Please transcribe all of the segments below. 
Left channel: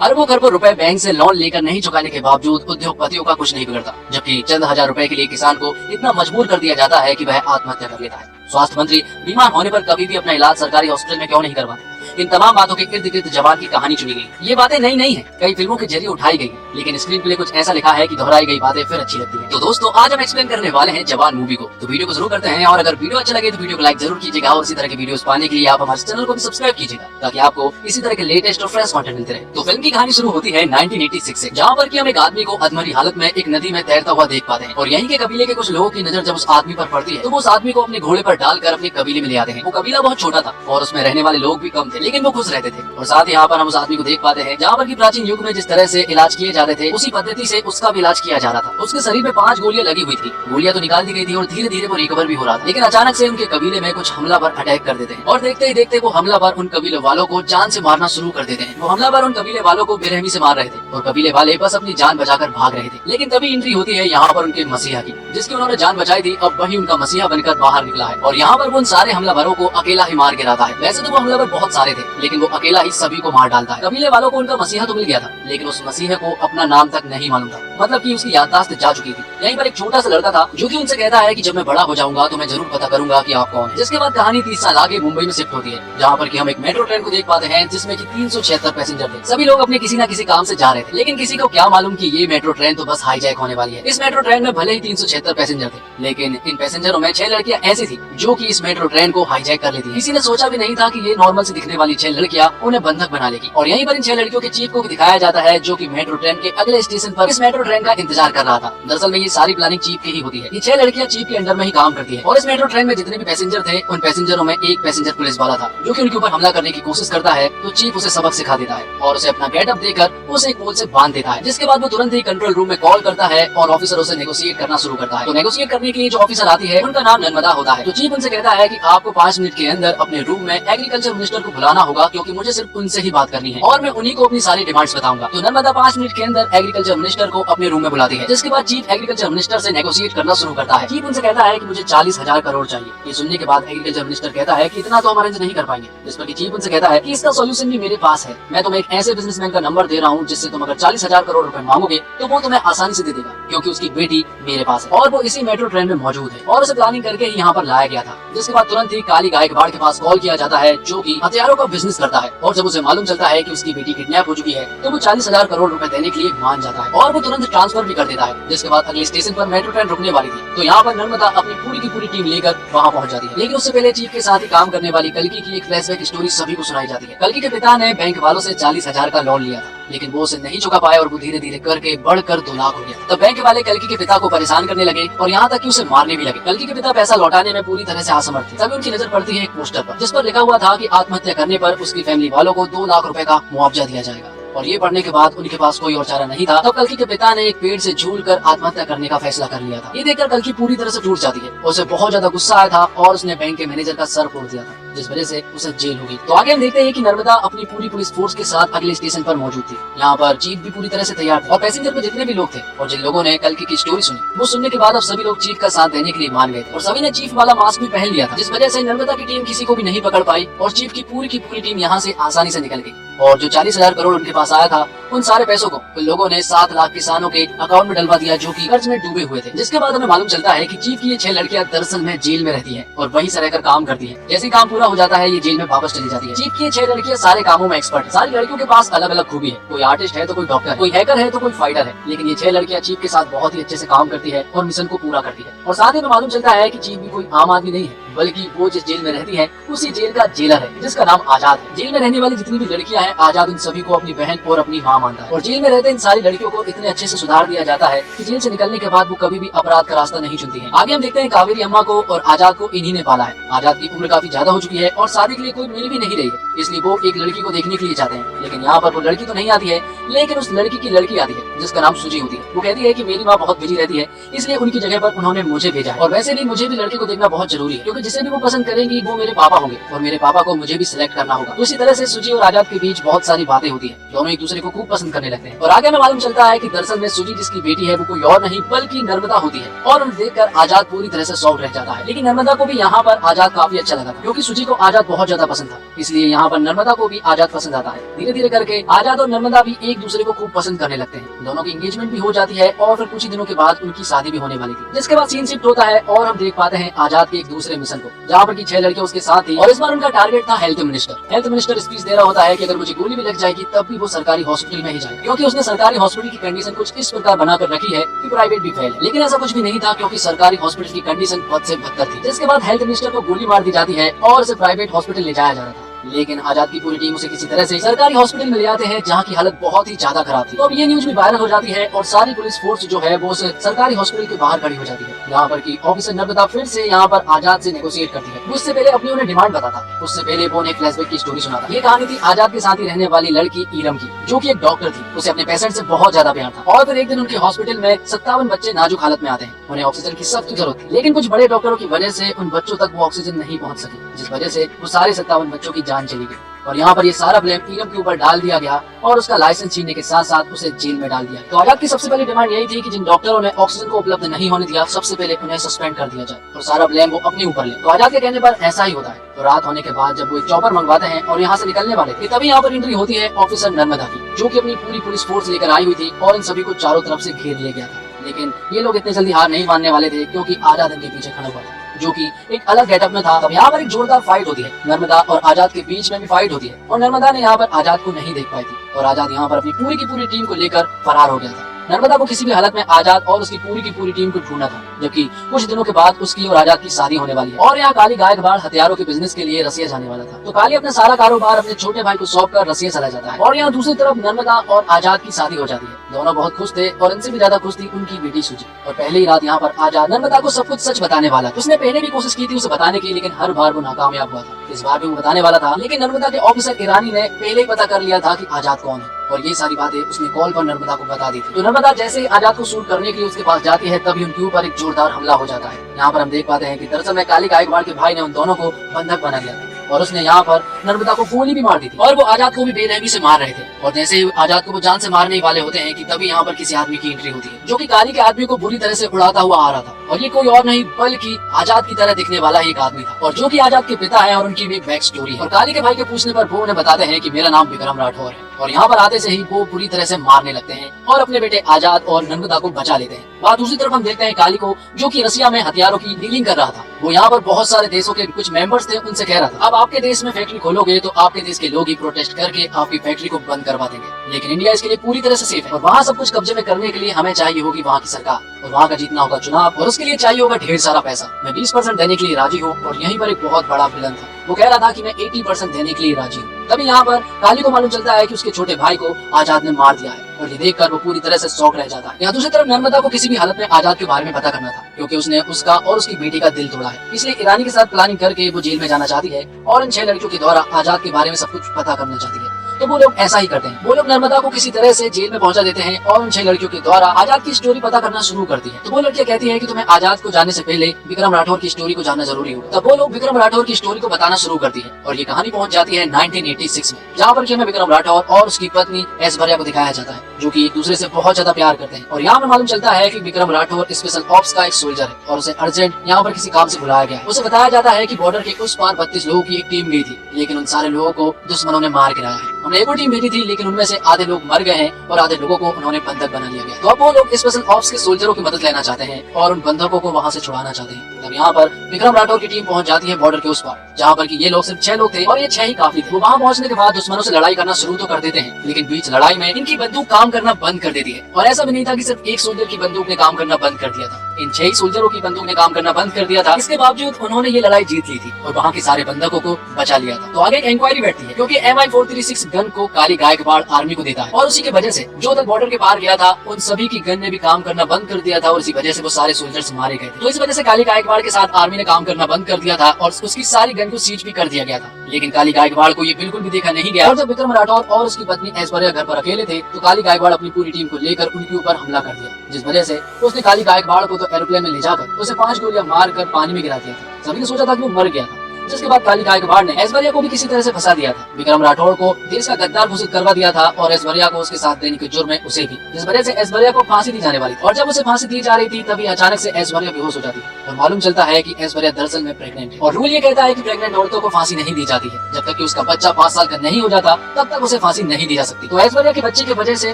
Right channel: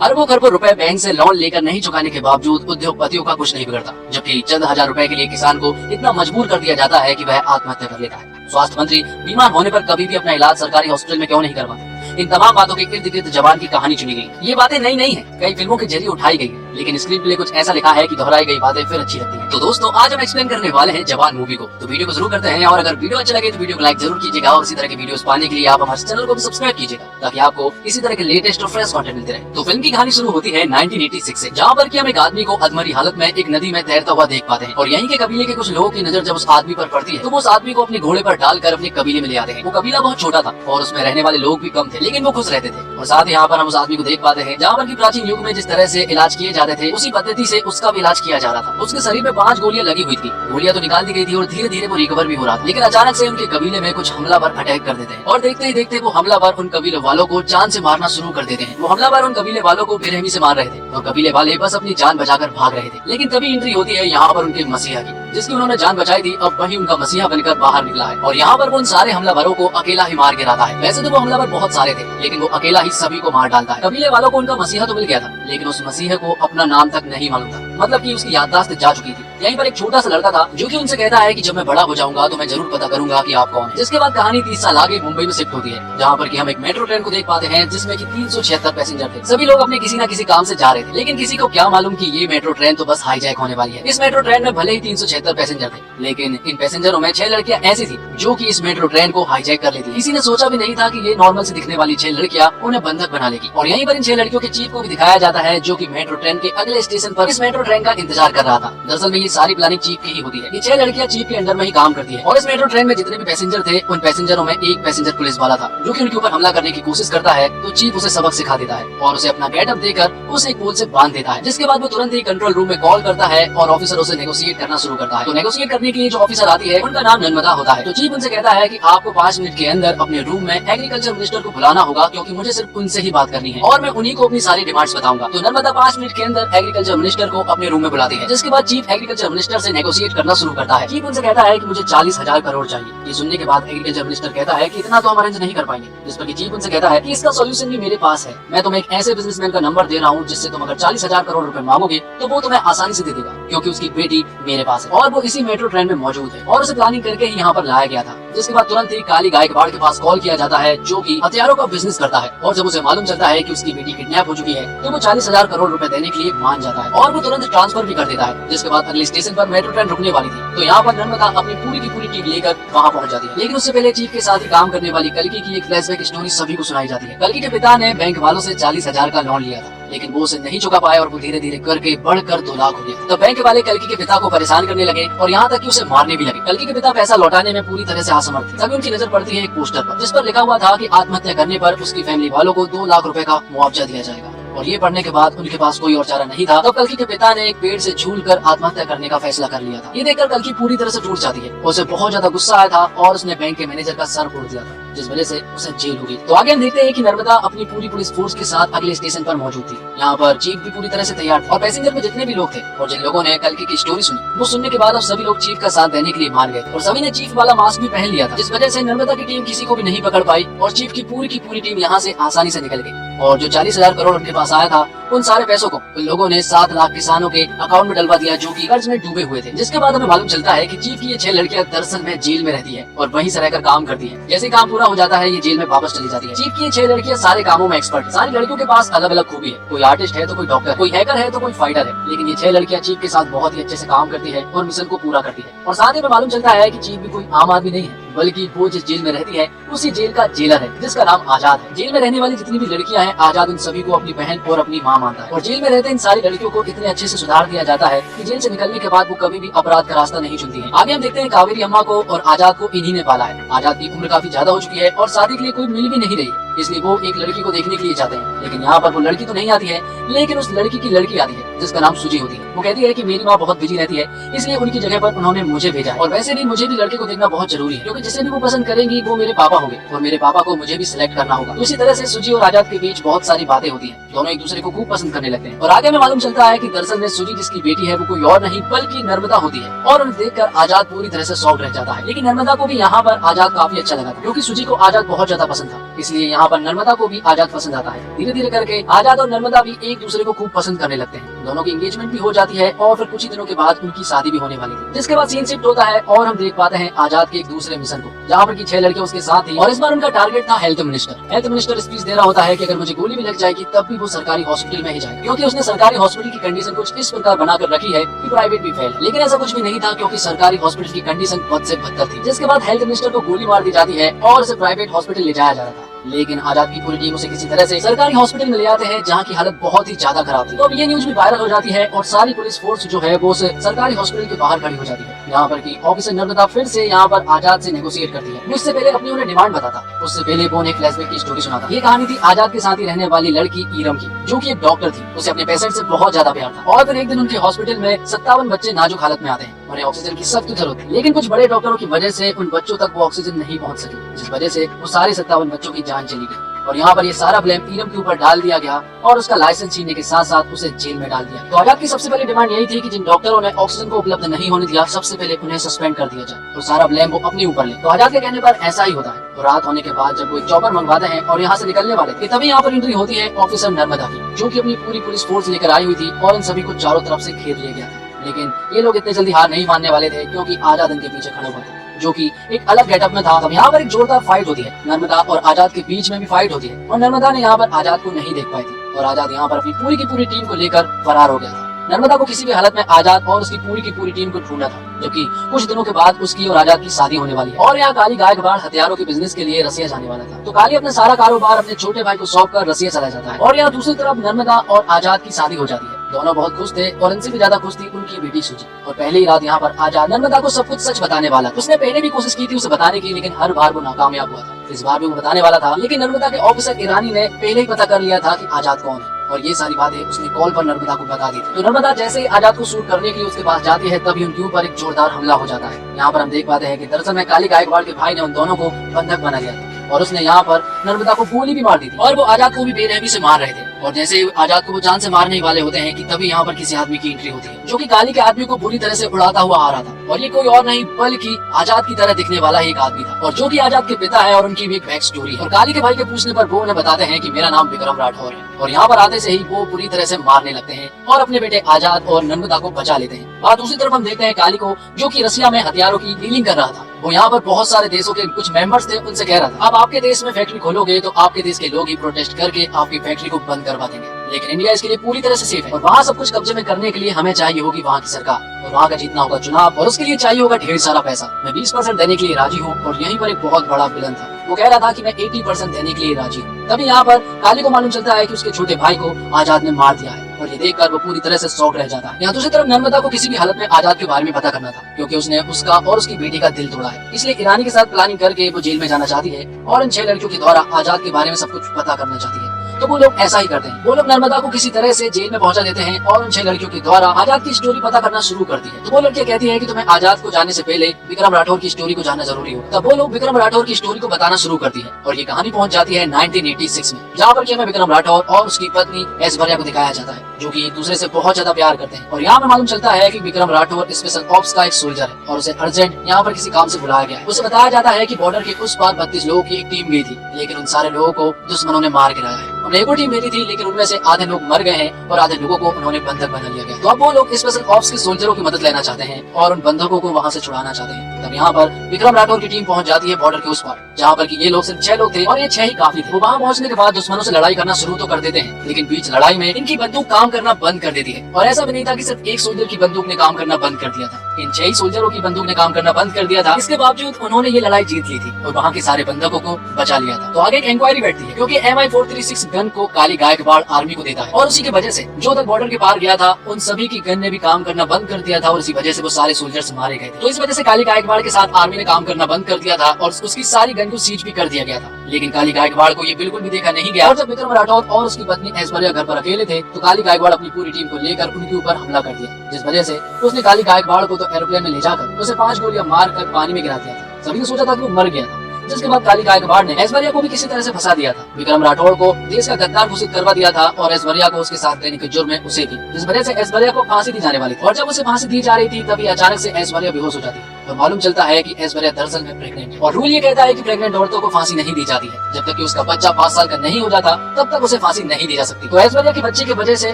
अरबों खरबों रुपए बैंक से लोन लेकर नहीं चुकाने के बावजूद उद्योगपतियों का कुछ नहीं बिगड़ता, जबकि चंद हजार रुपए के लिए किसान को इतना मजबूर कर दिया जाता है कि वह आत्महत्या कर लेता है। स्वास्थ्य मंत्री बीमार होने पर कभी भी अपना इलाज सरकारी हॉस्पिटल में क्यों नहीं करवाते? इन तमाम बातों के इर्द गिर्द जवान की कहानी चुनी गई। ये बातें नई नहीं है, कई फिल्मों के जरिए उठाई गई, लेकिन स्क्रीन प्ले कुछ ऐसा लिखा है कि दोहराई गई बातें फिर अच्छी लगती है। तो दोस्तों, आज हम एक्सप्लेन करने वाले हैं जवान मूवी को। तो वीडियो को जरूर करते हैं, और अगर वीडियो अच्छा लगे तो वीडियो को लाइक जरूर कीजिएगा, और इसी तरह के वीडियोस पाने के लिए आप हमारे चैनल को भी सब्सक्राइब कीजिएगा, ताकि आपको इसी तरह के लेटेस्ट और फ्रेश कंटेंट मिलते रहे। तो फिल्म की कहानी शुरू होती है 1986 से, जहाँ पर कि हम एक आदमी को अधमरी हालत में एक नदी में तैरता हुआ देख पाते हैं। और यहीं के कबीले के कुछ लोगों की नजर जब उस आदमी पर पड़ती है, तो वो उस आदमी को अपने घोड़े पर डालकर अपने कबीले में ले आते हैं। वो कबीला बहुत छोटा था और उसमें रहने वाले लोग भी कम थे, लेकिन वो खुश रहते थे। और साथ ही यहाँ पर हम उस आदमी को देख पाते हैं जहाँ पर की प्राचीन युग में जिस तरह से इलाज किए जाते थे, उसी पद्धति से उसका भी इलाज किया जा रहा था। उसके शरीर में 5 गोलियां लगी हुई थी। गोलियां तो निकाल दी गई थी और धीरे धीरे वो रिकवर भी हो रहा था, लेकिन अचानक से उनके कबीले में कुछ हमलावर अटैक कर देते हैं, और देखते ही देखते वो हमलावर उन कबीले वालों को जान से मारना शुरू कर देते हैं। वो हमलावर उन कबीले वालों को बेरहमी से मार रहे थे, और कबीले वाले बस अपनी जान बचाकर भाग रहे थे। लेकिन तभी एंट्री होती है यहाँ पर उनके मसीहा की, जिसकी उन्होंने जान बचाई थी। अब वही उनका मसीहा बनकर बाहर निकला है, और यहाँ पर वो उन सारे हमलावरों को अकेला ही मार गिराता है। वैसे तो वो हमलावर बहुत सारे थे, लेकिन वो अकेला ही सभी को मार डालता है। कबीले वालों को उनका मसीहा तो मिल गया था, लेकिन उस मसीहा को अपना नाम तक नहीं मालूम था, मतलब कि उसकी याददाश्त जा चुकी थी। यहीं पर एक छोटा सा लड़का था जो कि उनसे कहता है कि जब मैं बड़ा हो जाऊंगा तो मैं जरूर पता करूंगा कि आप कौन है। जिसके बाद कहानी 30 साल आगे मुंबई में शिफ्ट होती है, जहाँ पर कि हम एक मेट्रो ट्रेन को देख पाते हैं, जिसमें कि 376 पैसेंजर थे। सभी लोग अपने किसी न किसी काम से जा रहे थे, लेकिन किसी को क्या मालूम कि ये मेट्रो ट्रेन तो बस हाईजैक होने वाली है। इस मेट्रो ट्रेन में भले ही 376 पैसेंजर थे, लेकिन इन पैसेंजरों में 6 लड़कियां ऐसी थी जो कि इस मेट्रो ट्रेन को हाईजैक कर लेती। किसी ने सोचा भी नहीं था कि ये नॉर्मल से दिखने वाली 6 लड़कियां उन्हें बंधक बना लेगी। और यहीं पर इन 6 लड़कियों के चीफ को दिखाया जाता है, जो कि मेट्रो ट्रेन के अगले स्टेशन पर इस मेट्रो ट्रेन का इंतजार कर रहा था। दरअसल में ये सारी प्लानिंग चीफ की ही होती है। ये 6 लड़कियां चीफ के अंडर में ही काम करती है, और इस मेट्रो ट्रेन में जितने भी पैसेंजर थे, उन पैसेंजरों में एक पैसेंजर पुलिस वाला था, जो कि उनके ऊपर हमला करने की कोशिश करता है। तो चीफ उसे सबक सिखा देता है और उसे अपना गेटअप देकर उसे एक पोल से बांध देता है। जिसके बाद वो तुरंत ही कंट्रोल रूम में कॉल करता है और ऑफिसरों से नेगोशिएट करना शुरू करता है। तो नेगोशिएट करने के लिए जो ऑफिसर आती है, उनका नाम नर्मदा होता है। तो चीफ उनसे कहता है कि आपको 5 मिनट के अंदर अपने रूम में एग्रीकल्चर मिनिस्टर को बुलाना होगा, क्योंकि मुझे सिर्फ उनसे ही बात करनी है, और मैं उन्हीं को अपनी सारी डिमांड्स बताऊंगा। तो नर्मदा 5 मिनट के अंदर एग्रीकल्चर मिनिस्टर को अपने रूम में बुलाती है। जिसके बाद चीफ एग्रीकल्चर मिनिस्टर से नेगोशिएट करना शुरू करता है। चीफ उनसे कहता है कि मुझे 40,000 करोड़ चाहिए। ये सुनने के बाद एग्रीकल्चर मिनिस्टर कहता है कि इतना तो हम अरेंज नहीं कर पाएंगे। इस पर चीफ उनसे कहता है कि इसका सॉल्यूशन भी मेरे पास है। मैं तुम्हें एक ऐसे बिजनेसमैन का नंबर दे रहा हूँ, जिससे तुम अगर 40,000 करोड़ रुपए मांगोगे तो वो तुम्हें आसानी से दे देगा, क्योंकि उसकी बेटी मेरे पास है, और वो इसी मेट्रो ट्रेन में मौजूद है, और उसे प्लानिंग करके ही यहाँ पर लाया गया था। जिसके बाद तुरंत ही काली गायकवाड़ के पास कॉल किया जाता है, जो कि हथियारों का बिजनेस करता है। और जब उसे मालूम चलता है कि उसकी बेटी किडनैप हो चुकी है, तो वो 40,000 करोड़ रुपए देने के लिए मान जाता है, और वो तुरंत ट्रांसफर भी कर देता है। जिसके बाद अगले स्टेशन पर मेट्रो ट्रेन रुकने वाली थी, तो यहाँ पर नर्मदा अपनी पूरी की पूरी टीम लेकर वहाँ पहुँच जाती है। लेकिन उससे पहले चीफ के साथ ही काम करने वाली कल्कि की एक फ्लैशबैक स्टोरी सभी को सुनाई जाती है। कल्कि के पिता ने बैंक वालों से 40,000 का लोन लिया था, लेकिन वो उसे नहीं चुका पाया, और वो धीरे धीरे करके बढ़कर 2 लाख हो गया। तब बैंक वाले कल्कि के पिता को परेशान करने लगे, और यहाँ तक कि उसे मारने भी लगे। कल्कि के पिता पैसा लौटाने में पूरी तरह से असमर्थ थे। तभी उनकी नजर पड़ती है एक पोस्टर पर, जिस पर लिखा हुआ था कि आत्महत्या करने पर उसकी फैमिली वालों को 2 लाख रुपए का मुआवजा दिया जाएगा। और ये पढ़ने के बाद उनके पास कोई और चारा नहीं था। तब कल्कि के पिता ने एक पेड़ से झूलकर आत्महत्या करने का फैसला कर लिया था। ये देखकर कल्कि पूरी तरह से टूट जाती है, उसे बहुत ज्यादा गुस्सा आया था, और उसने बैंक के मैनेजर का सर फोड़ दिया था, जिस वजह से उसे जेल हो गई। तो आगे हम देखते हैं कि नर्मदा अपनी पूरी पुलिस फोर्स के साथ अगले स्टेशन पर मौजूद थी। यहाँ पर चीफ भी पूरी तरह से तैयार था, और पैसेंजर में जितने भी लोग थे और जिन लोगों ने कल्कि की स्टोरी सुनी, वो सुनने के बाद अब सभी लोग चीफ का साथ देने के लिए मान गए थे, और सभी ने चीफ वाला मास्क भी पहन लिया था, जिस वजह से नर्मदा की टीम किसी को भी नहीं पकड़ पाई, और चीफ की पूरी टीम यहाँ से आसानी से निकल गई। और जो 40,000 करोड़ उनके पास आया था, उन सारे पैसों को उन लोगों ने 7 लाख किसानों के अकाउंट में डलवा दिया, जो कि कर्ज में डूबे हुए थे। जिसके बाद हमें मालूम चलता है कि चीफ की ये 6 लड़कियां दरअसल में जेल में रहती है, और वहीं से रहकर काम करती है। जैसे काम पूरा हो जाता है, ये जेल में वापस चली जाती है। चीफ की ये 6 लड़कियां सारे कामों में एक्सपर्ट है। सारी लड़कियों के पास अलग अलग खूबी है, कोई आर्टिस्ट है तो कोई डॉक्टर, कोई हैकर है तो कोई फाइटर है। लेकिन ये 6 लड़कियां चीफ के साथ बहुत ही अच्छे से काम करती है और मिशन को पूरा करती है। और साथ ही में मालूम चलता है कि चीफ भी कोई आम आदमी नहीं है, बल्कि वो जिस जेल में रहती है उसी जेल का जेलर है, जिसका नाम आजाद है। जेल में रहने वाली जितनी भी लड़कियां हैं, आजाद उन सभी को अपनी बहन और अपनी माँ मानता है। और जेल में रहते इन सारी लड़कियों को इतने अच्छे से सुधार दिया जाता है कि जेल से निकलने के बाद वो कभी भी अपराध का रास्ता नहीं चुनती है। आगे हम देखते हैं कावेरी अम्मा को और आजाद को इन्हीं ने पाला है। आजाद की उम्र काफी ज्यादा हो चुकी है, और शादी के लिए कोई मिल भी नहीं रही है, इसलिए वो एक लड़की को देखने के लिए जाते हैं। लेकिन यहाँ पर वो लड़की तो नहीं आती है, लेकिन उस लड़की की लड़की आती है, जिसका नाम सुजी होती है। वो कहती है कि मेरी माँ बहुत बिजी रहती है, इसलिए उनकी जगह पर उन्होंने मुझे भेजा है। और वैसे भी मुझे भी लड़के को देखना बहुत जरूरी है, क्योंकि जिसे भी वो पसंद करेंगी वो मेरे पापा होंगे, और मेरे पापा को मुझे भी सिलेक्ट करना होगा। तो इसी तरह से सुजी और आजाद के बीच बहुत सारी बातें होती है, दोनों एक दूसरे को खूब पसंद करने लगते हैं। और आगे हमें मालूम चलता है कि दरअसल में सुजी जिसकी बेटी है वो कोई और नहीं बल्कि नर्मदा होती है, और उन्हें देखकर आजाद पूरी तरह से शॉक रह जाता है। लेकिन नर्मदा को भी यहाँ पर आजाद काफी अच्छा लगा, क्योंकि सुजी को आजाद बहुत ज्यादा पसंद था, इसलिए यहाँ पर नर्मदा को भी आजाद पसंद आता है। धीरे धीरे करके आजाद और नर्मदा भी एक दूसरे को खूब पसंद करने लगते हैं। दोनों की एंगेजमेंट भी हो जाती है और फिर कुछ ही दिनों के बाद उनकी शादी भी होने वाली थी, जिसके बाद सीन शिफ्ट होता है और हम देख पाते हैं आजाद के एक दूसरे मिशन को, जहाँ पर की 6 लड़कियां उसके साथ थी और इस बार उनका टारगेट था health minister. Health minister speech दे रहा होता है कि अगर मुझे गोली भी लग जाएगी तब भी वो सरकारी हॉस्पिटल में ही जाए, क्योंकि उसने सरकारी हॉस्पिटल की कंडीशन कुछ इस प्रकार बनाकर रखी है कि प्राइवेट भी फेल। लेकिन ऐसा कुछ भी नहीं था, क्योंकि सरकारी हॉस्पिटल की कंडीशन बहुत से बदतर थी। जिसके बाद हेल्थ मिनिस्टर को गोली मार दी जाती है और उसे प्राइवेट हॉस्पिटल ले जाया जा रहा था। लेकिन आजाद की पूरी टीम उसे किसी तरह से सरकारी हॉस्पिटल में ले जाते हैं, जहाँ की हालत बहुत ही ज्यादा खराब थी। तो अब ये न्यूज भी वायरल हो जाती है और सारी पुलिस फोर्स जो है वो सरकारी हॉस्पिटल के बाहर खड़ी हो जाती है। यहाँ पर की ऑफिसर नर्मदा फिर से यहाँ पर आजाद से नेगोशिएट करती है। उससे पहले अपनी उन्हें डिमांड बताता, उससे पहले वो उन्हें फ्लैशबैक की स्टोरी सुनाता। ये कहानी थी आजाद के साथ ही रहने वाली लड़की ईरम की, जो की एक डॉक्टर थी। उसे अपने पेशेंट से बहुत ज्यादा प्यार था और फिर एक दिन उनके हॉस्पिटल में 57 बच्चे नाजुक हालत में आते हैं। उन्हें ऑक्सीजन की सख्त जरूरत थी, लेकिन कुछ बड़े डॉक्टरों की वजह से उन बच्चों तक वो ऑक्सीजन नहीं पहुंच सकी, जिस वजह से वो सारे 57 बच्चों की जान चली गई। और यहाँ पर ये सारा ब्लेम ईरम के ऊपर डाल दिया गया और उसका लाइसेंस छीनने के साथ साथ उसे जेल में डाल दिया। तो आजाद की सबसे पहली डिमांड यही थी कि जिन डॉक्टरों ने ऑक्सीजन को उपलब्ध नहीं होने दिया, सबसे पहले उन्हें सस्पेंड कर दिया जाए, तो सारा ब्लेम वो अपने ऊपर ले। तो आजाद के कहने पर ऐसा ही होता है। तो रात होने के बाद जब वो एक चॉपर मंगवाते हैं और यहाँ से निकलने वाले थे, तभी यहाँ पर एंट्री होती है ऑफिसर नर्मदा की, जो की अपनी पूरी पुलिस फोर्स लेकर आई हुई थी और इन सभी को चारों तरफ से घेर लिया गया था। लेकिन ये लोग इतने जल्दी हार नहीं मानने वाले थे, क्योंकि आजाद इनके पीछे खड़ा हुआ था, जो कि एक अलग गेटअप में था। अब यहाँ पर एक जोरदार फाइट होती है, नर्मदा और आजाद के बीच में भी फाइट होती है और नर्मदा ने यहाँ पर आजाद को नहीं देख पाई थी और आजाद यहाँ पर अपनी पूरी की पूरी टीम को लेकर फरार हो गया था। नर्मदा को किसी भी हालत में आजाद और उसकी पूरी टीम को ढूंढना था, जबकि कुछ दिनों के बाद उसकी और आजाद की शादी होने वाली है और यहाँ काली गायकवाड़ हथियारों के बिजनेस के लिए रसिया जाने वाला था। तो काली अपना सारा कारोबार अपने छोटे भाई को सौंप कर रसिया चला जाता है और यहाँ दूसरी तरफ नर्मदा और आजाद की शादी हो जाती है। दोनों बहुत खुश थे और इनसे भी ज्यादा खुश थी उनकी बेटी सूजी। और पहली ही रात यहाँ पर आजाद नर्मदा को सब कुछ सच बताने वाला था। उसने पहले भी कोशिश की थी उसे बताने की, लेकिन हर बार वो नाकामयाब हुआ था। इस बार भी वो बताने वाला था, लेकिन नर्मदा के ऑफिसर ईरानी ने पहले ही पता कर लिया था कि आजाद कौन है और ये सारी बातें उसने कॉल पर नर्मदा को बता दी थी। तो नर्मदा जैसे ही आजाद को शूट करने के लिए उसके पास जाती है, तभी उनके ऊपर एक जोरदार हमला हो जाता है। यहाँ पर हम देख पाते हैं कि दरअसल में काली गायकवाड़ के भाई ने उन दोनों को बंधक बना लिया था और उसने यहाँ पर नर्मदा को गोली भी मार दी थी और वो आजाद को भी बेरहमी से मार रहे थे। और जैसे ही आजाद को वो जान से मारने ही वाले होते हैं कि तभी यहाँ पर किसी आदमी की एंट्री होती है, जो कि काली के आदमी को पूरी तरह से उड़ाता हुआ आ रहा था। और ये कोई और नहीं बल्कि आजाद की तरह दिखने वाला एक आदमी था, और जो कि आजाद के पिता है और उनकी भी एक बैक स्टोरी है। और काली के भाई के पूछने पर वो उन्हें बताते हैं कि मेरा नाम विक्रम राठौर है। और यहाँ पर आते से ही वो पूरी तरह से मारने लगते हैं और अपने बेटे आजाद और नर्मदा को बचा लेते हैं। और दूसरी तरफ हम देखते हैं काली को, जो कि रसिया में हथियारों की डीलिंग कर रहा था। वो यहाँ पर बहुत सारे देशों के कुछ मेंबर्स थे, उनसे कह रहा था अब आपके देश में फैक्ट्री खोलोगे तो आपके देश के लोग ही प्रोटेस्ट करके आपकी फैक्ट्री को बंद करवा देंगे, लेकिन इंडिया इसके लिए पूरी तरह से सेफ है और वहाँ सब कुछ कब्जे में करने के लिए हमें चाहिए होगी वहाँ की सरकार और वहाँ का जीतना होगा चुनाव, और उसके लिए चाहिए होगा ढेर सारा पैसा। मैं 20% देने के लिए राजी हूँ। और यहीं पर एक बहुत बड़ा विलन था, वो कह रहा था कि मैं 80% देने के लिए राजी हूँ। तभी यहाँ पर काली को मालूम चलता है कि उसके छोटे भाई को आजाद ने मार दिया है और ये देखकर वो पूरी तरह से शॉक रह जाता है। यहाँ दूसरी तरफ नर्मदा को किसी भी हालत में आजाद के बारे में पता करना था, क्योंकि उसने उसका और उसकी बेटी का दिल तोड़ा है। इसलिए ईरानी के साथ प्लानिंग करके वो जेल में जाना चाहती है और इन 6 लड़कियों के द्वारा आजाद के बारे में सब कुछ पता करना चाहती है। तो वो लोग ऐसा ही करते हैं, वो लोग नर्मदा को किसी तरह से जेल में पहुंचा देते हैं और उन 6 लड़कियों के द्वारा आजाद की स्टोरी पता करना शुरू करती है। तो वो लड़कियां कहती हैं कि तुम्हें आजाद को जानने से पहले विक्रम राठौर की स्टोरी को जानना जरूरी हो। तब वो लोग विक्रम राठौर की स्टोरी को बताना शुरू करती है और ये कहानी पहुंच जाती है 1986 में, जहाँ पर हमें विक्रम राठौर और उसकी पत्नी ऐश्वर्या को दिखाया जाता है, जो कि एक दूसरे से बहुत ज्यादा प्यार करते हैं। और यहाँ हमें मालूम चलता है कि विक्रम राठौर स्पेशल ऑप्स का एक सोल्जर है और उसे अर्जेंट यहाँ पर किसी काम से बुलाया गया है। उसे बताया जाता है कि बॉर्डर के उस पार 32 लोगों की एक टीम गई थी, लेकिन उन सारे लोगों को दुश्मनों ने मार गिराया है। हमने एक और टीम भेजी थी, लेकिन उनमें से आधे लोग मर गए हैं और आधे लोगों को उन्होंने बंधक बना लिया गया। तो अब वो लोग स्पेशल ऑप्स के सोल्जरों की मदद लेना चाहते हैं और उन बंधकों को वहाँ से छुड़ाना चाहते हैं। तब यहाँ पर विक्रम राठौर की टीम पहुंच जाती है बॉर्डर के उस पार, जहाँ पर कि ये लोग सिर्फ 6 लोग थे और ये 6 ही काफी थे। वो वहाँ पहुंचने के बाद दुश्मनों से लड़ाई करना शुरू तो कर देते हैं, लेकिन बीच लड़ाई में इनकी बंदूक काम करना बंद कर देती है। और ऐसा भी नहीं था कि सिर्फ एक सोल्जर की बंदूक ने काम करना बंद कर दिया था, इन 6 सोल्जरों की बंदूक ने काम करना बंद कर दिया था। इसके बावजूद उन्होंने ये लड़ाई जीत ली थी और वहाँ के सारे बंधकों को बचा लिया था। तो आगे एक इंक्वायरी बैठती है, क्योंकि MI436 गन को काली गायकवाड़ आर्मी को देता है और उसी की वजह से जो तक बॉर्डर के पार गया था उन सभी की गन ने भी काम करना बंद कर दिया था और इसी वजह से वो सारे सोल्जर्स मारे गए थे। तो इस वजह से काली गायकवाड़ के साथ आर्मी ने काम करना बंद कर दिया था और उसकी सारी गन को सीज भी कर दिया गया था। लेकिन काली गायकवाड़ को ये बिल्कुल भी देखा नहीं गया और जब विक्रम राठौर और उसकी पत्नी ऐश्वर्या घर पर अकेले थे, तो काली गायकवाड़ अपनी पूरी टीम को लेकर उनके ऊपर हमला कर दिया, जिस वजह से उसने काली गायकवाड़ को तो एरोप्लेन में ले जाकर उसे 5 गोलियां मारकर पानी में गिरा दिया था। सभी ने सोचा था कि वो मर गया था, जिसके बाद काली गायकवाड़ ने ऐश्वर्या को भी किसी तरह से फंसा दिया था। विक्रम राठौड़ को देश का गद्दार घोषित करवा दिया था और ऐश्वर्या को उसके साथ देने के जुर्म में उसे दी, जिस वजह से ऐश्वर्या को फांसी दी जाने वाली थी। और जब उसे फांसी दी जा रही थी तभी अचानक से ऐश्वर्या बेहोश हो जाती है और मालूम चलता है कि ऐश्वर्या दरअसल में प्रेग्नेंट है। और रूल ये कहता है कि प्रेग्नेंट औरतों को फांसी नहीं दी जाती है, जब तक कि उसका बच्चा 5 साल का नहीं हो जाता तब तक उसे फांसी नहीं दी जा सकती। तो ऐश्वर्या के बच्चे की वजह से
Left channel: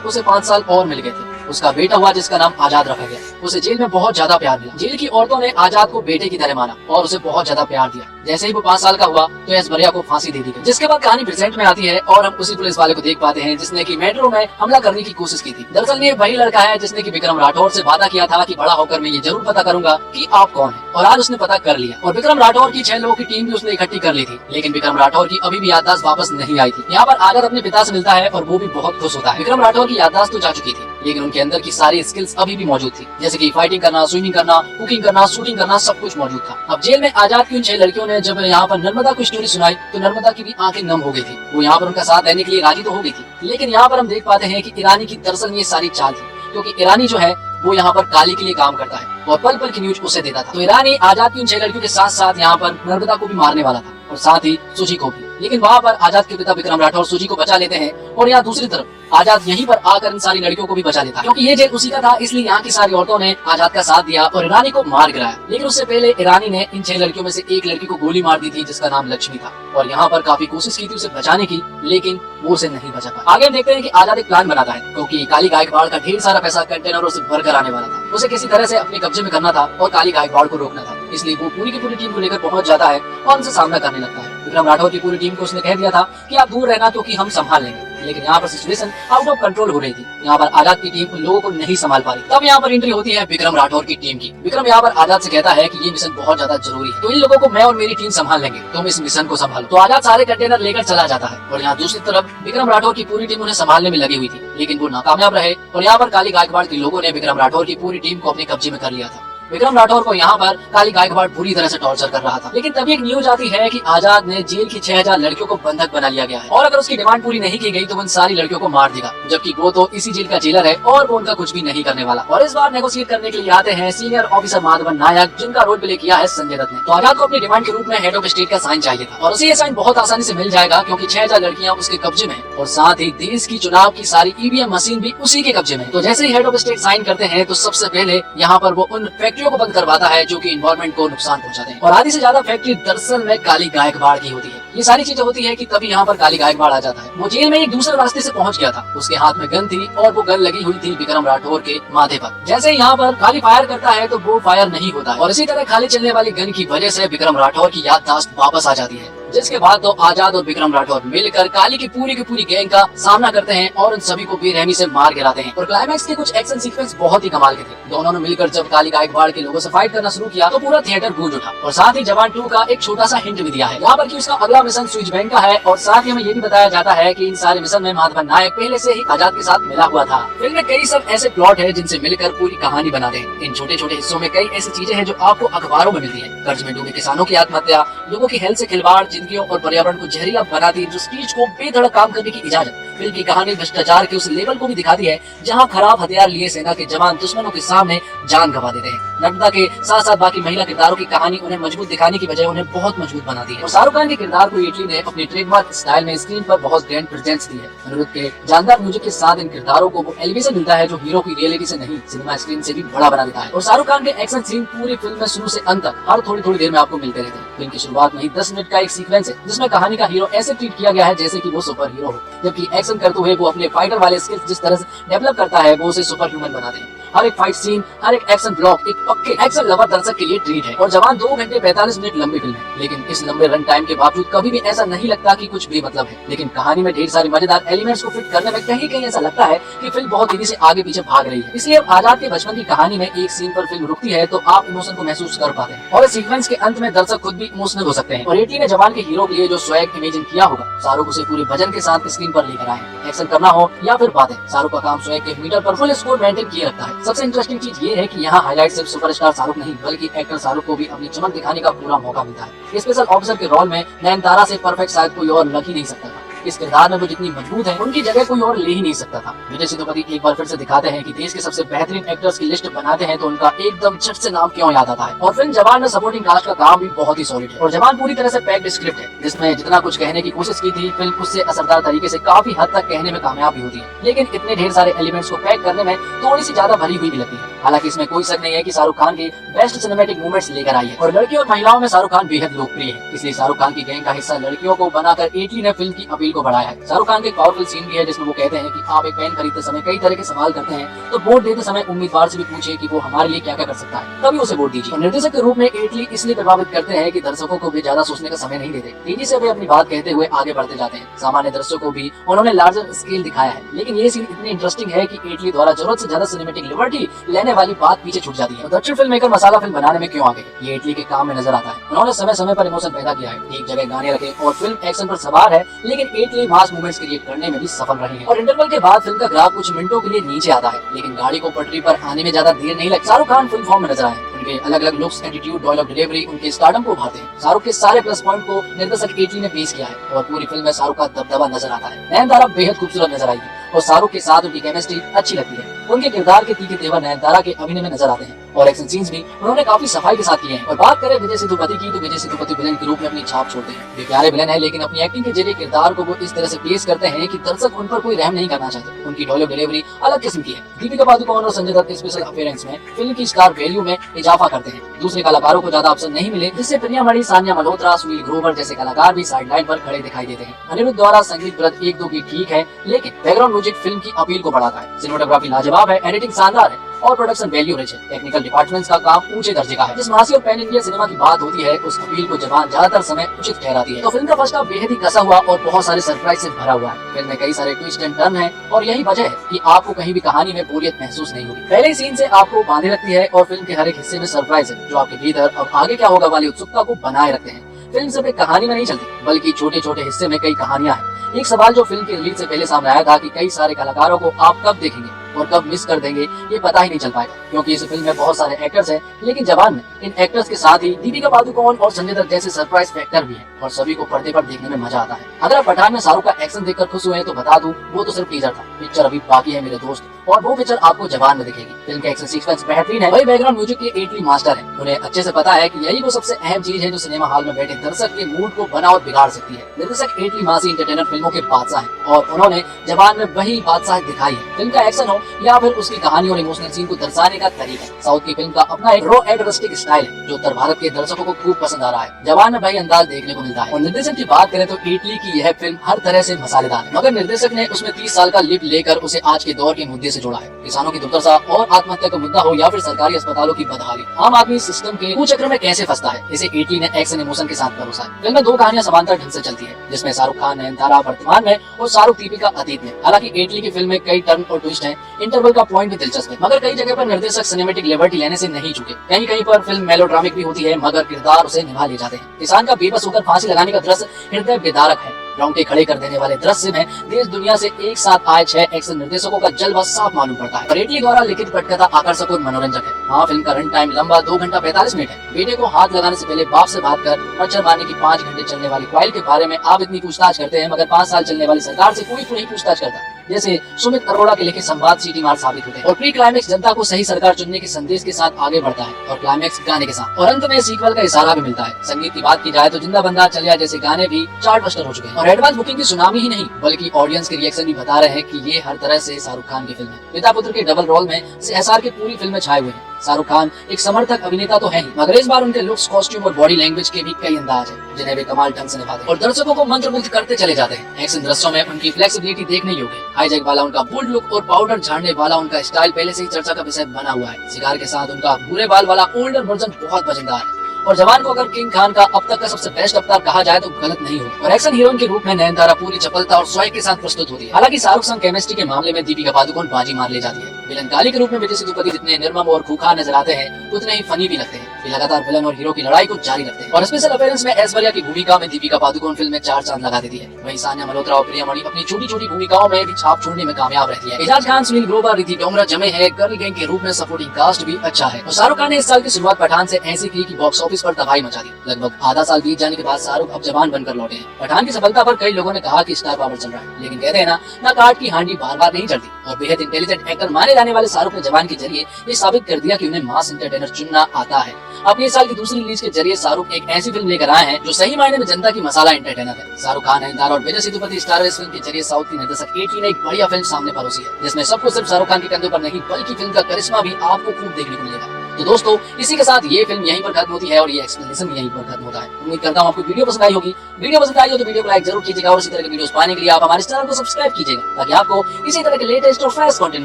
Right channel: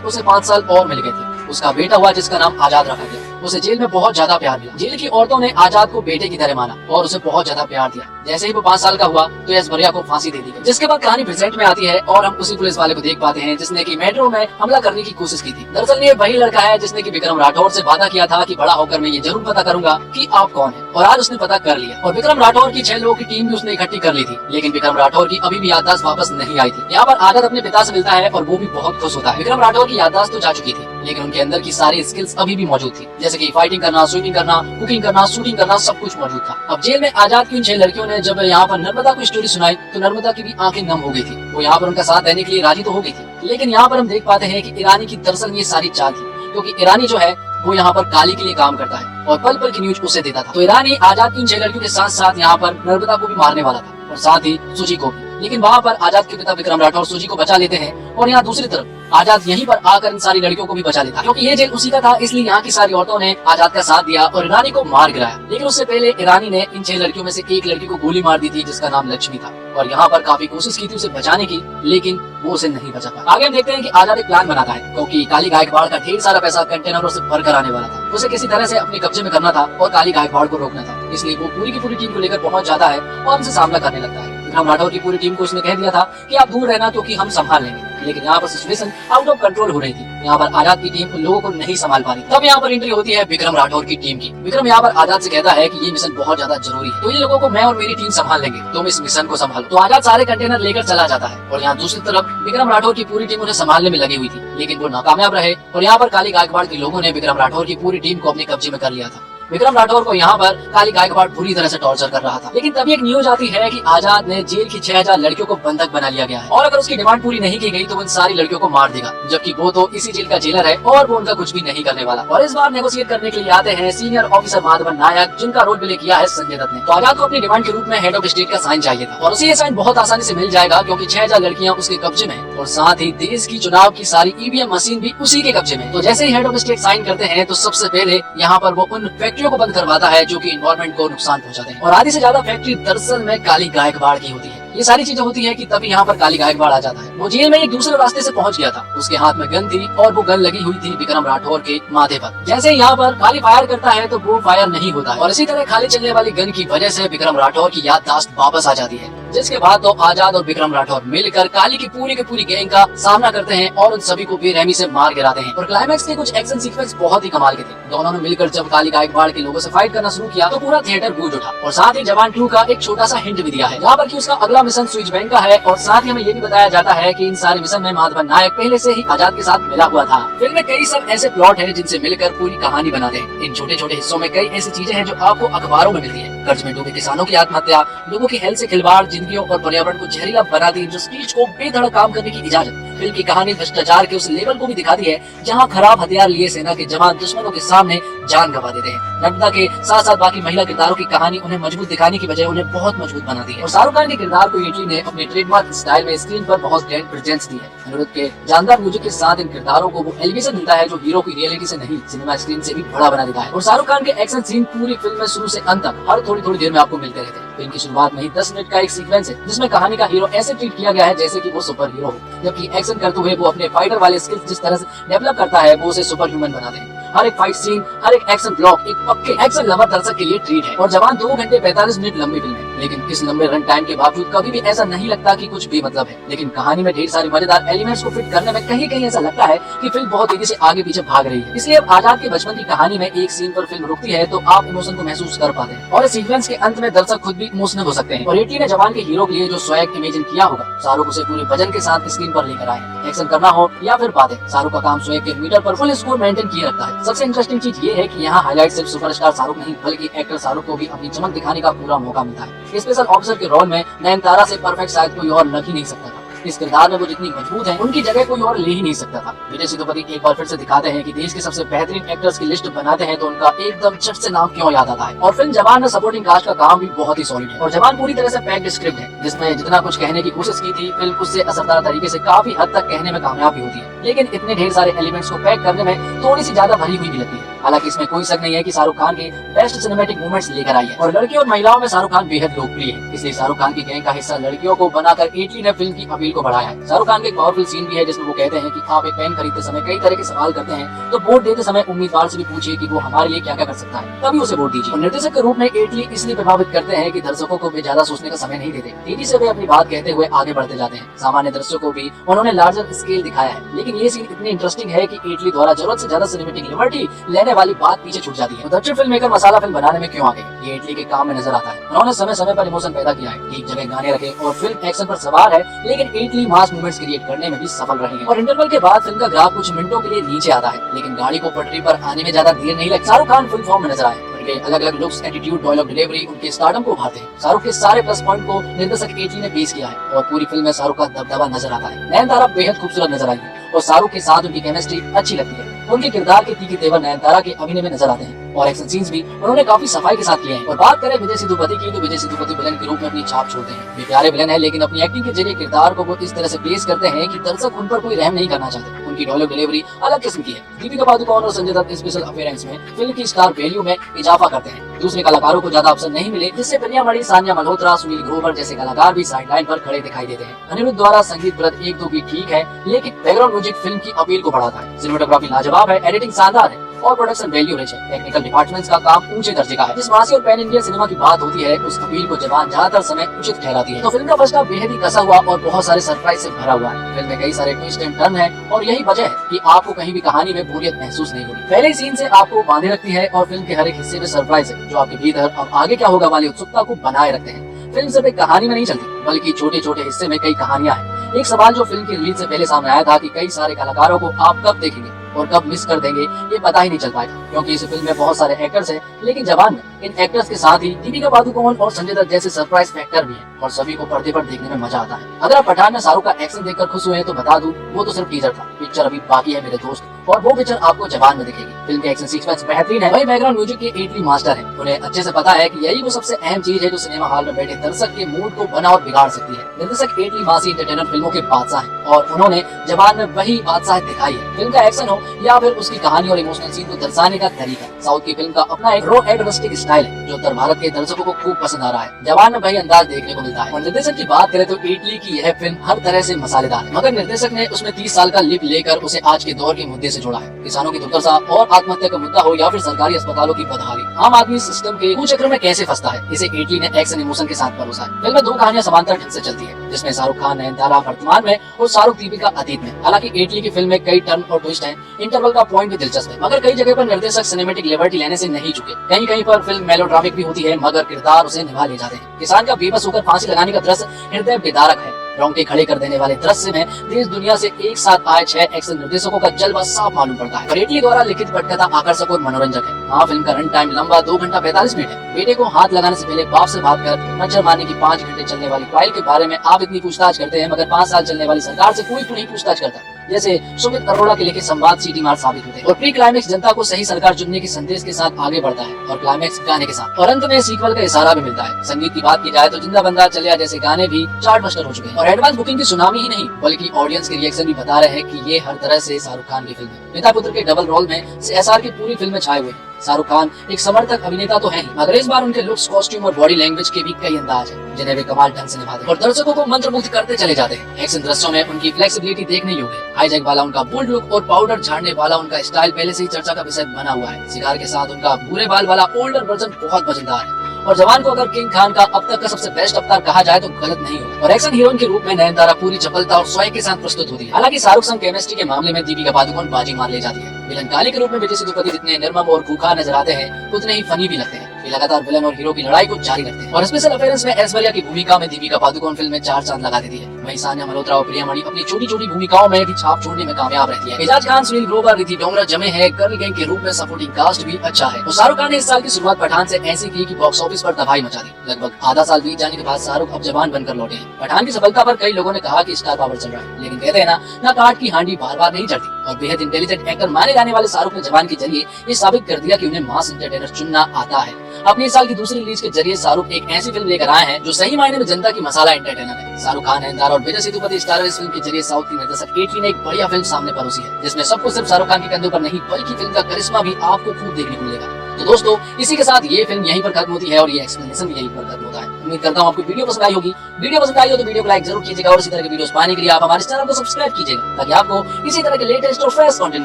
उसे 5 साल और मिल गए थे। उसका बेटा हुआ जिसका नाम आजाद रखा गया। उसे जेल में बहुत ज्यादा प्यार मिला। जेल की औरतों ने आजाद को बेटे की तरह माना और उसे बहुत ज्यादा प्यार दिया। जैसे ही वो 5 साल का हुआ तो ऐश्वर्या को फांसी दे दी गई, जिसके बाद कहानी प्रेजेंट में आती है और हम उसी पुलिस वाले को देख पाते हैं जिसने की मेट्रो में हमला करने की कोशिश की थी। दरअसल ये वही लड़का है जिसने की विक्रम राठौड़ से वादा किया था कि बड़ा होकर मैं ये जरूर पता करूंगा कि आप कौन है, और आज उसने पता कर लिया। और विक्रम राठौड़ की 6 लोगों की टीम भी उसने इकट्ठी कर ली थी, लेकिन विक्रम राठौड़ की अभी भी याददाश्त वापस नहीं आई थी। यहाँ पर आजाद अपने पिता से मिलता है और वो भी बहुत खुश होता है। विक्रम राठौड़ की याददाश्त तो जा चुकी थी, लेकिन उनके अंदर की सारी स्किल्स अभी भी मौजूद थी, जैसे कि फाइटिंग करना, स्विमिंग करना, कुकिंग करना, शूटिंग करना, सब कुछ मौजूद था। अब जेल में आजाद की उन 6 लड़कियों ने जब यहाँ पर नर्मदा को स्टोरी सुनाई तो नर्मदा की भी आंखें नम हो गई थी। वो यहाँ पर उनका साथ देने के लिए राजी तो हो गई थी, लेकिन यहाँ पर हम देख पाते हैं कि ईरानी की दरअसल ये सारी चाल थी, क्योंकि ईरानी जो है वो यहाँ पर काली के लिए काम करता है और पल पल की न्यूज उसे देता था। तो ईरानी आजाद की उन 6 लड़कियों के साथ साथ यहाँ पर नर्मदा को भी मारने वाला था और साथ ही सूजी को भी, लेकिन वहाँ पर आजाद के पिता विक्रम राठौड़ सूजी को बचा लेते हैं और यहाँ दूसरी तरफ आजाद यहीं पर आकर इन सारी लड़कियों को भी बचा लेता है, क्योंकि ये जेल उसी का था, इसलिए यहाँ की सारी औरतों ने आजाद का साथ दिया और ईरानी को मार गिराया। लेकिन उससे पहले ईरानी ने इन 6 लड़कियों में से एक लड़की को गोली मार दी थी जिसका नाम लक्ष्मी था, और यहाँ पर काफी कोशिश की थी उसे बचाने की, लेकिन वो उसे नहीं बचा पाया। आगे देखते हैं कि आजाद एक प्लान बनाता है, क्योंकि काली गायकवाड़ का ढेर सारा पैसा कंटेनरों से भरकर आने वाला था। उसे किसी तरह से अपने कब्जे में करना था और काली गायकवाड़ को रोकना था, इसलिए वो पूरी की पूरी टीम को लेकर पहुंच जाता है और उनसे सामना करने लगता है। विक्रम राठौड़ की पूरी टीम को उसने कह दिया था कि आप दूर रहना क्योंकि हम संभाल लेंगे, लेकिन यहाँ पर सिचुएशन आउट ऑफ कंट्रोल हो रही थी। यहाँ पर आजाद की टीम उन लोगों को नहीं संभाल पा रही। तब यहाँ पर एंट्री होती है विक्रम राठौड़ की टीम की। विक्रम यहाँ पर आजाद से कहता है कि ये मिशन बहुत ज्यादा जरूरी है, तो इन लोगों को मैं और मेरी टीम संभाल लेंगे, तुम इस मिशन को संभालो। तो आजाद सारे कंटेनर लेकर चला जाता है और यहाँ दूसरी तरफ विक्रम राठौड़ की पूरी टीम उन्हें संभालने में लगी हुई थी, लेकिन वो नाकामयाब रहे और यहाँ पर काली गायकवाड़ के लोगों ने विक्रम राठौड़ की पूरी टीम को अपने कब्जे में कर लिया था। विक्रम राठौड़ को यहाँ पर काली गायकवाड़ पूरी तरह से टॉर्चर कर रहा था, लेकिन तभी एक न्यूज आती है कि आजाद ने जेल की 6000 लड़कियों को बंधक बना लिया गया है और अगर उसकी डिमांड पूरी नहीं की गई तो उन सारी लड़कियों को मार देगा, जबकि वो तो इसी जेल का जेलर है और वो उनका कुछ भी नहीं करने वाला। और इस बार नेगोशिएट करने के लिए आते हैं सीनियर ऑफिसर माधवन नायक, जिनका रोल प्ले किया है संजय दत्त ने। तो आजाद को अपनी डिमांड के रूप में हेड ऑफ स्टेट का साइन चाहिए था और उसे ये साइन बहुत आसानी से मिल जाएगा, क्योंकि 6000 लड़कियां उसके कब्जे में और साथ ही देश की चुनाव की सारी ईवीएम मशीन भी उसी के कब्जे में। तो जैसे ही हेड ऑफ स्टेट साइन करते हैं तो सबसे पहले यहाँ पर वो उन फैक्ट्रियों को बंद करवाता है जो कि इन्वायरमेंट को नुकसान पहुंचाते हैं, और आधी से ज्यादा फैक्ट्री दरअसल में काली गायकवाड़ की होती है। ये सारी चीजें होती है कि तभी यहाँ पर काली गायकवाड़ आ जाता है। वो जेल में एक दूसरे रास्ते से पहुंच गया था, उसके हाथ में गन थी और वो गन लगी हुई थी विक्रम राठौड़ के माथे पर। जैसे ही यहाँ पर काली फायर करता है तो वो फायर नहीं होता है और इसी तरह खाली चलने वाली गन की वजह से विक्रम राठौड़ की याददाश्त वापस आ जाती है, जिसके बाद तो आजाद और विक्रम राठौड़ मिलकर काली की पूरी गैंग का सामना करते हैं और उन सभी को बेरहमी से मार गिराते हैं। और क्लाइमैक्स के कुछ एक्शन सीक्वेंस बहुत ही कमाल के थे। दोनों ने मिलकर जब काली गायकवाड़ के लोगों से फाइट करना शुरू किया तो पूरा थिएटर गूंज उठा, और साथ ही जवान 2 का एक छोटा सा हिंट भी दिया है यहाँ पर कि उसका अगला मिशन स्विच बैंक का है, और साथ ही हमें ये भी बताया जाता है कि इन सारे मिशन में माधवन नायक पहले से ही आजाद के साथ मिला हुआ था। फिल्म में कई सब ऐसे प्लॉट है जिनसे मिलकर पूरी कहानी बनाते हैं। इन छोटे छोटे हिस्सों में कई ऐसी चीजें हैं जो आपको अखबारों में मिलती है। कर्ज में डूबे किसानों की आत्महत्या, लोगों की हेल्थ से खिलवाड़, जिंदगियों और पर्यावरण को जहरीला बनाती है, जो स्पीच को बेधड़क काम करने की इजाजत। फिल्म की कहानी भ्रष्टाचार के उस लेवल को भी दिखाती है जहां खराब हथियार लिए सेना के जवान दुश्मनों के सामने जान गंवा देते हैं। नर्मदा के साथ साथ बाकी महिला किरदारों की कहानी उन्हें मजबूत दिखाने की बजाय उन्हें बहुत मजबूत बनाती है। और शाहरुख खान के किरदार को एटली ने अपने ट्रेडमार्क स्टाइल में स्क्रीन पर बहुत ग्रैंड प्रेजेंस दी है। अनिरुद्ध के जानदार म्यूजिक के साथ इन किरदारों को वो एलिवेशन मिलता है जो हीरो की रियलिटी से नहीं, सिनेमा स्क्रीन से भी बड़ा बना देता है। और शाहरुख खान के एक्शन सीन पूरी फिल्म में शुरू से अंत तक हर थोड़ी देर में आपको मिलते रहते हैं। फिल्म की शुरुआत में ही 10 मिनट का एक सीक्वेंस है जिसमें कहानी का हीरो ऐसे ट्रीट किया गया है जैसे कि वो सुपर हीरो हो, जबकि एक्शन करते हुए वो अपने फाइटर वाले स्किल्स जिस तरह से डेवलप करता है वो उसे सुपर ह्यूमन बनाते हैं। हर एक फाइट सीन, हर एक एक्शन ब्लॉक एक पक्के एक्शन लवर दर्शक के लिए ट्रीट है। और जवान 2 घंटे 45 मिनट लंबी फिल्म है, लेकिन इस लंबे रन टाइम के बावजूद कभी भी ऐसा नहीं लगता कि कुछ बेमतलब है। लेकिन कहानी में ढेर सारे मजेदार एलिमेंट्स को फिट करने में कहीं ऐसा लगता है कि फिल्म बहुत तेजी से आगे पीछे भाग रही है। इसलिए आजाद के बचपन की कहानी में एक सीन पर फिल्म रुकती है तो आप इमोशन को महसूस कर पाते हैं और इस सीक्वेंस के अंत में दर्शक खुद भी इमोशनल हो सकते हैं। और एटली ने जवान के हीरो के लिए जो स्वैग इमेजिन किया होगा, शाहरुख उसे पूरे वजन के साथ स्क्रीन पर लेकर आए। एक्शन करना हो या फिर बातें, शाहरुख का काम स्वैग के मीटर पर फुल स्कोर मेंटेन किए रखता है। सबसे इंटरेस्टिंग चीज ये है कि यहाँ हाईलाइट सिर्फ सुपरस्टार शाहरुख नहीं बल्कि एक्टर शाहरुख को भी अपनी चमक दिखाने का पूरा मौका मिलता है। स्पेशल ऑफिसर के रोल में नयनतारा से परफेक्ट शायद कोई और लग ही नहीं सकता। इस किरदार में वो जितनी मजबूत है उनकी जगह कोई और ले ही नहीं सकता था। विजय सेतुपति एक बार फिर से दिखाते हैं कि देश के सबसे बेहतरीन एक्टर्स की लिस्ट बनाते हैं तो उनका एकदम झट से नाम क्यों याद आता है। और फिल्म जवान में सपोर्टिंग कास्ट का काम भी बहुत ही सॉलिड है और जवान पूरी तरह से पैक्ड स्क्रिप्ट है जिसमें जितना कुछ कहने की कोशिश की थी फिल्म उससे असरदार तरीके से काफी हद तक कहने में कामयाब भी होती है। लेकिन इतने ढेर सारे एलिमेंट्स को पैक करने में थोड़ी सी ज्यादा भरी हुई भी लगती है। हालांकि इसमें कोई शक नहीं है कि शाहरुख खान की बेस्ट सिनेमैटिक मूवमेंट्स लेकर आई है और लड़कियों और महिलाओं में शाहरुख खान बेहद लोकप्रिय है। इसलिए शाहरुख खान की गैंग का हिस्सा लड़कियों को बनाकर इटली ने फिल्म की अपील को बढ़ाया है। शाहरुख खान का एक पावरफुल सीन भी है जिसमें वो कहते हैं कि आप एक पेन खरीदते समय कई तरह के सवाल करते हैं तो वोट देते समय उम्मीदवार से भी पूछिए कि वो हमारे लिए क्या क्या कर सकता है, तभी उसे वोट दीजिए। निर्देशक के रूप में इटली इसलिए प्रभावित करते हैं कि दर्शकों को वे ज्यादा सोचने का समय नहीं देते, तेजी से वे अपनी बात कहते हुए आगे बढ़ते जाते हैं। सामान्य दृश्यों को भी उन्होंने लार्जर स्केल दिखाया है, लेकिन ये सीन इतनी इंटरेस्टिंग है कि इटली द्वारा जरूरत से ज्यादा सिनेमैटिक लिबर्टी लेने वाली बात पीछे छूट जाती है। दक्षिण फिल्म मेकर मसाला फिल्म बनाने में क्यों आ गए, ये इटली के काम में नजर आता है। उन्होंने समय समय पर इमोशन पैदा किया है, एक जगह गाने रखे और फिल्म एक्शन पर सवार है, लेकिन इटली मास मूवमेंट्स क्रिएट करने में भी सफल रहे हैं। और इंटरवल के बाद फिल्म का ग्राफ कुछ मिनटों के लिए नीचे आता है, लेकिन गाड़ी को पटरी पर आने में ज्यादा देर नहीं लगती। शाहरुख खान फुल फॉर्म में नजर आए, उनके अलग अलग लुक्स, एटीट्यूड, डायलॉग डिलीवरी उनके स्टारडम को उभारते हैं। शाहरुख के सारे प्लस पॉइंट को निर्देशक इटली ने पेश किया है और पूरी फिल्म में शाहरुख का दबदबा नजर आता है। नयनतारा बेहद खूबसूरत नजर आई है और शाहरुख के साथ उनकी केमिस्ट्री अच्छी लगती है। उनके किरदार के तीखे तेवर नयनतारा के अभिनय में नजर आते हैं और एक्शन सीन्स भी उन्होंने काफी सफाई के साथ किए हैं। और बात करें विजय सेतुपति की तो विजय सेतुपति विलेन के रूप में अपनी छाप छोड़ते हैं। वे प्यारे विलेन है, लेकिन अपनी एक्टिंग के जरिए किरदार को इस तरह से पेश करते हैं कि दर्शक उन पर कोई रहम नहीं करना चाहते। उनकी डायलॉग डिलीवरी अलग किस्म की है। दीपिका पादुकोण और संजय दत्त स्पेशल अपीयरेंस में फिल्म की स्टार वैल्यू में इजाफा करते हैं। दूसरे कलाकारों को ज्यादा अवसर नहीं मिले, जिससे प्रिया मणि, सानिया मल्होत्रा, सुनील ग्रोवर जैसे कलाकार भी साइडलाइन पर खड़े दिखाई देते हैं। अनिरुद्ध द्वारा संगीत ब्लद एक दो की ठीक है, लेकिन बैकग्राउंड म्यूजिक फिल्म की अपील को बढ़ाता है। सिनेमेटोग्राफी लाजवाब है, एडिटिंग शानदार है और प्रोडक्शन वैल्यू रिच है। टेक्निकल डिपार्टमेंट्स का काम ऊंचे दर्जे का है। जिस मासी और पैन इंडिया सिनेमा की बात होती है उस अपील को जवान ज्यादातर समय उचित ठहराती है। तो फिल्म का फर्स्ट हाफ बेहद ही कसा हुआ और बहुत सारे सरप्राइज से भरा हुआ है। फिल्म में कई सारे ट्विस्ट एंड टर्न है और यही वजह है कि आपको कहीं भी कहानी में बोरियत महसूस नहीं होगी। पहले सीन से आपको बांधे रखती है और फिल्म के हर एक हिस्से में सरप्राइज है जो आपके भीतर अब आगे क्या होगा वाली उत्सुकता को बनाए रखते हैं। फिल्म सिर्फ एक कहानी में नहीं चलती, बल्कि छोटे छोटे हिस्से में कई कहानियां हैं। एक सवाल जो फिल्म की रिलीज से पहले सामने आया था कि कई सारे कलाकारों को आप कब देखेंगे और कब मिस कर देंगे, ये पता ही नहीं चल पाएगा, क्योंकि इस फिल्म में बहुत सारे एक्टर्स हैं। लेकिन जवान में इन एक्टर्स के साथ ही दीपिका पादुकोण और संजय दत्त जैसे सरप्राइज फैक्टर भी हैं और सभी को पर्दे पर देखने में मजा आता है। अगर आप पठान में शाहरुख का एक्शन देखकर खुश हुए तो बता दूं, वो तो सिर्फ टीजर था। पिक्चर अभी बाकी है मेरे दोस्त, और वो पिक्चर आपको जवान में दिखेगी। फिल्म के एक्शन सीक्वेंस बेहतरीन है, वही बैकग्राउंड म्यूजिक के इटली मास्टर है। उन्हें अच्छे से पता है कि यही वो सबसे अहम चीज है जो सिनेमा हॉल में बैठे दर्शक के मूड को बना और बिगाड़ सकती है। निर्देशक इटली मासी इंटरटेनर फिल्मों के बादशाह हैं और उन्होंने जवान में वही बादशाह दिखाई है। फिल्म का एक्शन हो या फिर उसकी कहानी और इमोशनल सीन को दर्शाने का तरीका। साउथ की फिल्म का अपना एक रॉ एंड रस्टिक स्टाइल है जो उत्तर भारत के दर्शकों को खूब पसंद आ रहा है। जवान में वही अंदाज देखने को मिलता है। और निर्देशक की बात करें तो इटली की यह फिल्म हर तरह से मसालेदार है, मगर निर्देशक ने उसमें 30 साल का लिप लेकर उसे आज के दौर के मुद्दे से जोड़ा है। किसानों की दुर्दशा और आत्महत्या का मुद्दा हो या फिर सरकारी अस्पतालों की बदहाली, आम आदमी सिस्टम के कुचक्र में कैसे फंसता है, इसे इटली ने एक्शन इमोशन के साथ परोसा है। फिल्म में दो कहानियां समांतर ढंग से चलती है, जिसमें शाहरुख खान नयनतारा वर्तमान में और शाहरुख दीपिका अतीत में। हालांकि इटली की फिल्म में कई टर्न और ट्विस्ट है, इंटरवल का पॉइंट भी दिलचस्प है, मगर कई जगह पर निर्देशक सिनेमैटिक लिबर्टी लेने से नहीं चुके। कहीं कहीं पर फिल्म मेलोड्रामिक भी होती है, मगर किरदार उसे निभा ले जाते हैं। किसान का बेबस होकर फांसी लगाने का दृश्य हृदय विदारक है। रोंगटे खड़े कर देने वाले दृश्य में देश दुनिया से एक साथ आए 6 एक्शन निर्देशकों का जलवा साफ मालूम पड़ता है। इटली द्वारा लिखित पटकथा आकर्षक और मनोरंजक है। हाँ, फिल्म का रन टाइम लंबा 2 घंटा 45 मिनट है। बेटे को हाथ लगाने से पहले बाप से बात कर मच्छर मारने की 5 घंटे चलने वाली फाइल के बारे में आप इतनी पूछताछ करते हैं, मगर 5 साल चलने वाली सरकार से कोई नहीं पूछताछ करता। जैसे सुमित अरोड़ा के लिखे संवाद सीटी मार साबित होते हैं। और प्री क्लाइमेक्स जनता को सही सरकार चुनने के संदेश के साथ आगे बढ़ता है और क्लाइमेक्स गाने के साथ। और अंत में सीक्वल का इशारा भी मिलता है। संगीत की बात की जाए तो जिंदा बंदा चलिया जैसे गाने भी चार्ट बस्टर हो चुके हैं। और एडवांस बुकिंग की सुनामी ही नहीं, बल्कि ऑडियंस के रिएक्शन भी बता रहे हैं कि ये हर तरह से शाहरुख खान की फिल्म है। पिता पुत्र के डबल रोल में एसआर की पूरी फिल्म में छाए हुए हैं। शाहरुख खान एक समर्थक अभिनेता तो है ही, मगर इस बार उनके लुक्स, कॉस्ट्यूम और बॉडी लैंग्वेज के भी कई अंदाज हैं, जिन्हें वे कमाल ढंग से निभाते हैं और दर्शकों को मंत्रमुग्ध करते चले जाते हैं। एक्शन दृश्यों में उनकी फ्लेक्सिबिलिटी देखने योग्य है। हाईजैक वाला उनका बोल्ड लुक और पाउडर झाड़ने वाला उनका स्टाइल पहले से ही चर्चा का विषय बना हुआ है। सिगार के साथ उनका भूरे बाल वाला ओल्डर वर्जन बहुत मजेदार है। और जवान को अगर किंग खान का अब तक का सबसे बेस्ट अवतार कहा जाए तो गलत नहीं होगा। और एक्शन हीरोइन के रूप में नयनतारा पूरी चपलता और स्वयं के साथ प्रस्तुत होती है। हालांकि शाहरुख संग केमिस्ट्री के मामले में दीपिका पादुकोण बाजी मार ले जाती है। विलन काली के रूप में विजय सेतुपति जितने निर्मम और खूंखार नजर आते हैं उतने ही फनी भी लगते हैं। वे लगातार विलन और हीरो की लड़ाई को जारी रखते हैं और स्पेशल अपीयरेंस में ऐश्वर्या की भूमिका में दीपिका पादुकोण फिल्म में 4 चांद लगा देती है। वहीं सान्या मल्होत्रा और प्रियामणि अपनी छोटी छोटी भूमिकाओं में भी छाप छोड़ने में कामयाब रहती है। एजाज खान, सुनील ग्रोवर, रिद्धि डोंगरा जमे हैं। गर्ल गैंग के रूप में सपोर्टिंग कास्ट भी अच्छा है। और शाहरुख खान ने इस साल की शुरुआत पठान से ऐसी की कि बॉक्स ऑफिस पर तबाही मचा दी। लगभग आधा साल बीत जाने के बाद शाहरुख अब जवान बनकर लौटे हैं। पठान की सफलता पर कई लोगों ने कहा कि स्टार पावर चल रहा है, लेकिन कहते हैं ना काट की हांडी बार बार नहीं चढ़ती। और बेहद इंटेलिजेंट एक्टर माने जाने वाले शाहरुख ने जवान के जरिए ये साबित कर दिया कि उन्हें मास एंटरटेनर चुनना आता है। अपने इस साल की दूसरी रिलीज के जरिए शाहरुख एक ऐसी फिल्म लेकर आए हैं जो सही मायने में जनता की मसाला एंटरटेनर है। शाहरुख खान, नयनतारा और विजय सेतुपति स्टार इस फिल्म के जरिए साउथ की निर्देशक केटली ने एक बढ़िया फिल्म सामने परोसी है, जिसमें सबको सिर्फ शाहरुख खान के कंधे पर नहीं बल्कि फिल्म का करिश्मा भी आपको खूब देखने को मिलेगा। तो दोस्तों, इसी के साथ ये फिल्म यहीं पर खत्म होती है और ये एक्सप्लेनेशन भी यहीं पर खत्म होता है। उम्मीद करता हूँ आपको वीडियो पसंद आई होगी। वीडियो पसंद आई हो तो वीडियो को लाइक जरूर कीजिएगा और इसी तरह के वीडियोस पाने के लिए आप हमारे चैनल को सब्सक्राइब कीजिएगा, ताकि आपको इसी तरह के लेटेस्ट और फ्रेश कंटेंट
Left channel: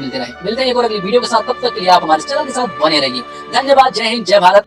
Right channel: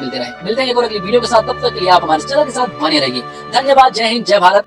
मिलते रहे। मिलते हैं एक और अगली वीडियो के साथ, तब तक के लिए आप हमारे चैनल के साथ बने रहिए। धन्यवाद। जय हिंद, जय भारत।